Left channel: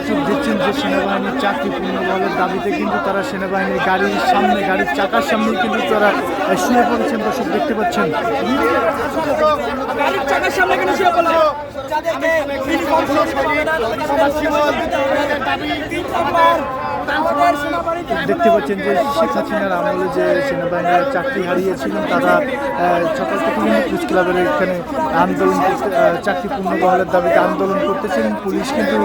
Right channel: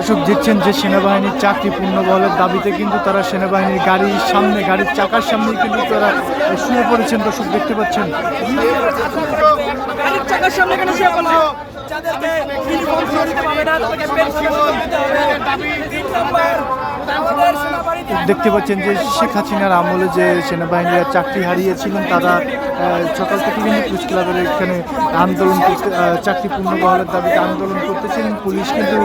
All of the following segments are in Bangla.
এসব দেখছেন যে সেনাবাহিনীর চাকরি পূর্ণ বলের দাবিতে, কিন্তু তারা সেনাবাহিনীর গাড়ির সামনে, গাড়ির চাকার সামনে কিন্তু তারা শুয়ে পড়েছেন দর্শক, দেখতে পাচ্ছেন। যাদেরকে দেখতে পাচ্ছেন যে শেখ হাসিনার আমলে যে সেনাবাহিনীরা চাকরি হারিয়েছিলেন, তারা সকাল থেকে কিন্তু প্রেস ক্লাবের এখানে আন্দোলন করতে চাকরি পূর্ণ বহালের দাবিতে আন্দোলন করতেছিলেন। পুলিশ কিন্তু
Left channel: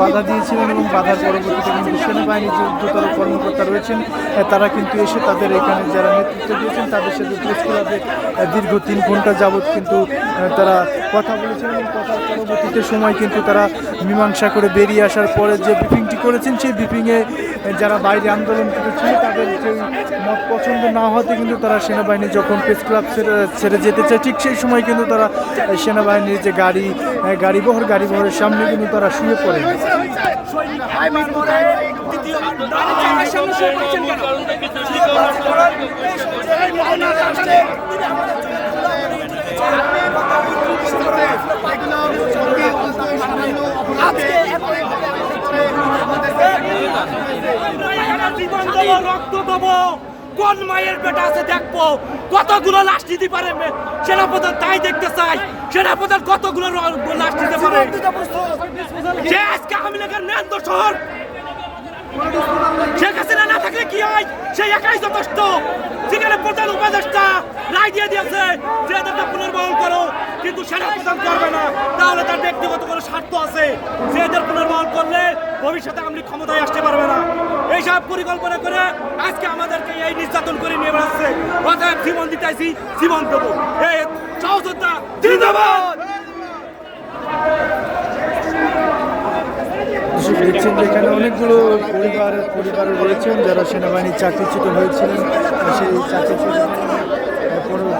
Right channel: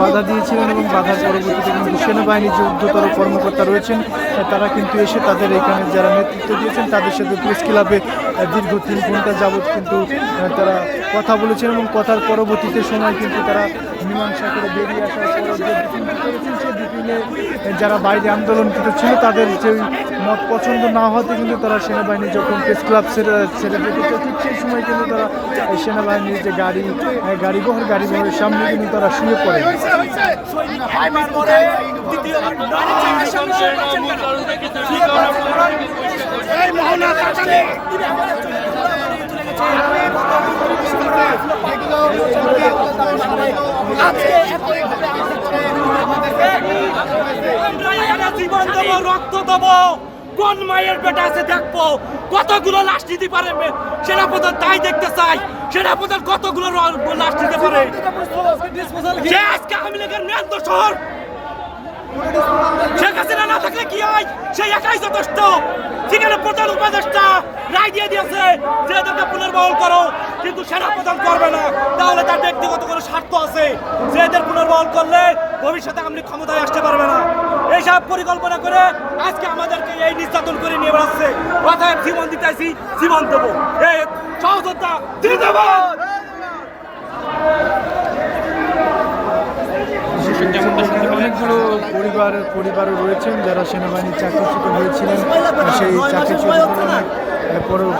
বাধা দিয়েছিলেন এবং বাধার পরবর্তীতে কিন্তু সেনাবাহিনীর যে উদ্ধতর কর্মকর্তা রয়েছেন তারা কিন্তু এসে তাদের এখানে যারা নেতৃত্ব দিয়েছেন, তাদের সাথে প্রেস ক্লাবে দীর্ঘ তিন ঘণ্টা যাবৎ কিন্তু তারা কথা বলেছেন এবং কথার পরবর্তীতে সময় কিন্তু তারা মীমাংসা করে বেরিয়ে আসার পরে যে ব্রিফিংটি করেছেন, সেই ব্রিফিংয়ে যারা বাইরে আন্দোলন ছিল তাদের যে মত পছন্দ না হতে কিন্তু তারা সেনাবাহিনী যখন প্রেস ক্লাব ছেড়ে যেতে চায় ঠিক সেই সময় কিন্তু তারা সেনাবাহিনীর যে গাড়ি আহ, গাড়ি বহর গাড়ি বহরের সামনে কিন্তু তারা শুয়ে পড়ে। আজকে জীবন দেবো, রক্ত দেবো, কোন মায়ের বেটা আছে দেখব। কতগুলো লাশ নিতে পারে সেনাপ্রধান তাই দেখতে চাই। সেনাপ্রধান কতগুলো লাশ নিতে পারে? যে আজকে আওয়ামী লীগের মেন শহর। শেখ হাসিনা না থাকলে কি হয়? সেই একাই যথেষ্ট। যেখানে প্রধান উপদেষ্টা রায় দিয়ে দিয়েছে, যে এদেরকে পুনর্বহল করো। কিন্তু সেনা প্রদান করবে না। তাহলে তার ব্যক্তিগত কোনো স্বার্থ আছে। যে এদের পুনর্বহন করলে ভবিষ্যতে আমলি ক্ষমতায় আসতে পারবে না। এইসব পরিকল্পনা করে আজকে আমাদেরকে এই নির্যাতন করে নিয়ে বেড়াচ্ছে। অতএব জীবন দিতেছি জীবন দেবো। এই সহযোদ্ধা, জিন্দাবাদ! এখানে অনেকগুলো পরিবার, পরিবারও রয়েছেন যারা সেনাবাহিনীর চাকরিচ্যুত হয়েছিলেন। সেই চাকরিচ্যুত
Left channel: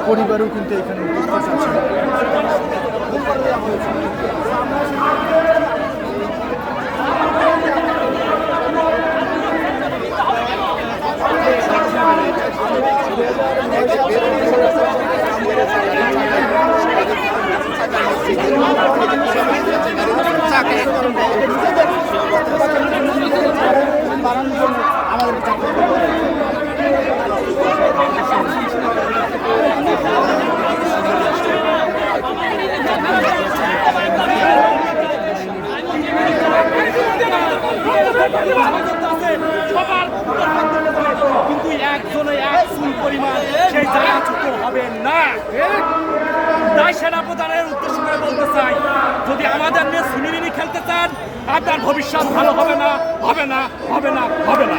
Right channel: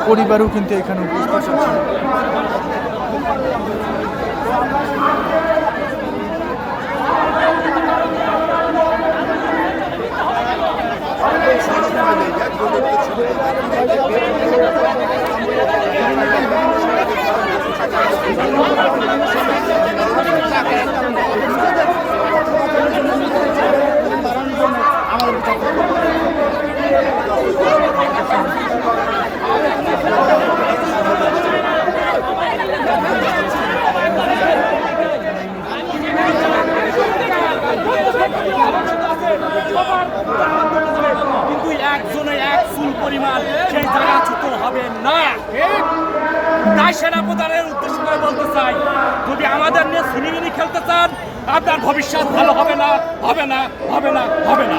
পরিবারও কিন্তু এখানে উপস্থিত আছেন কিন্তু পরিমাণ সেই জায়গা হবে না। তাই সেনা প্রধানের উদ্দেশ্য করে বলতে চাই, যদি আমাদের নিয়ে সুনিমিনি খেলতে চান, আপনার ভবিষ্যৎ ভালো হবে না হবে না হবে না হবে না।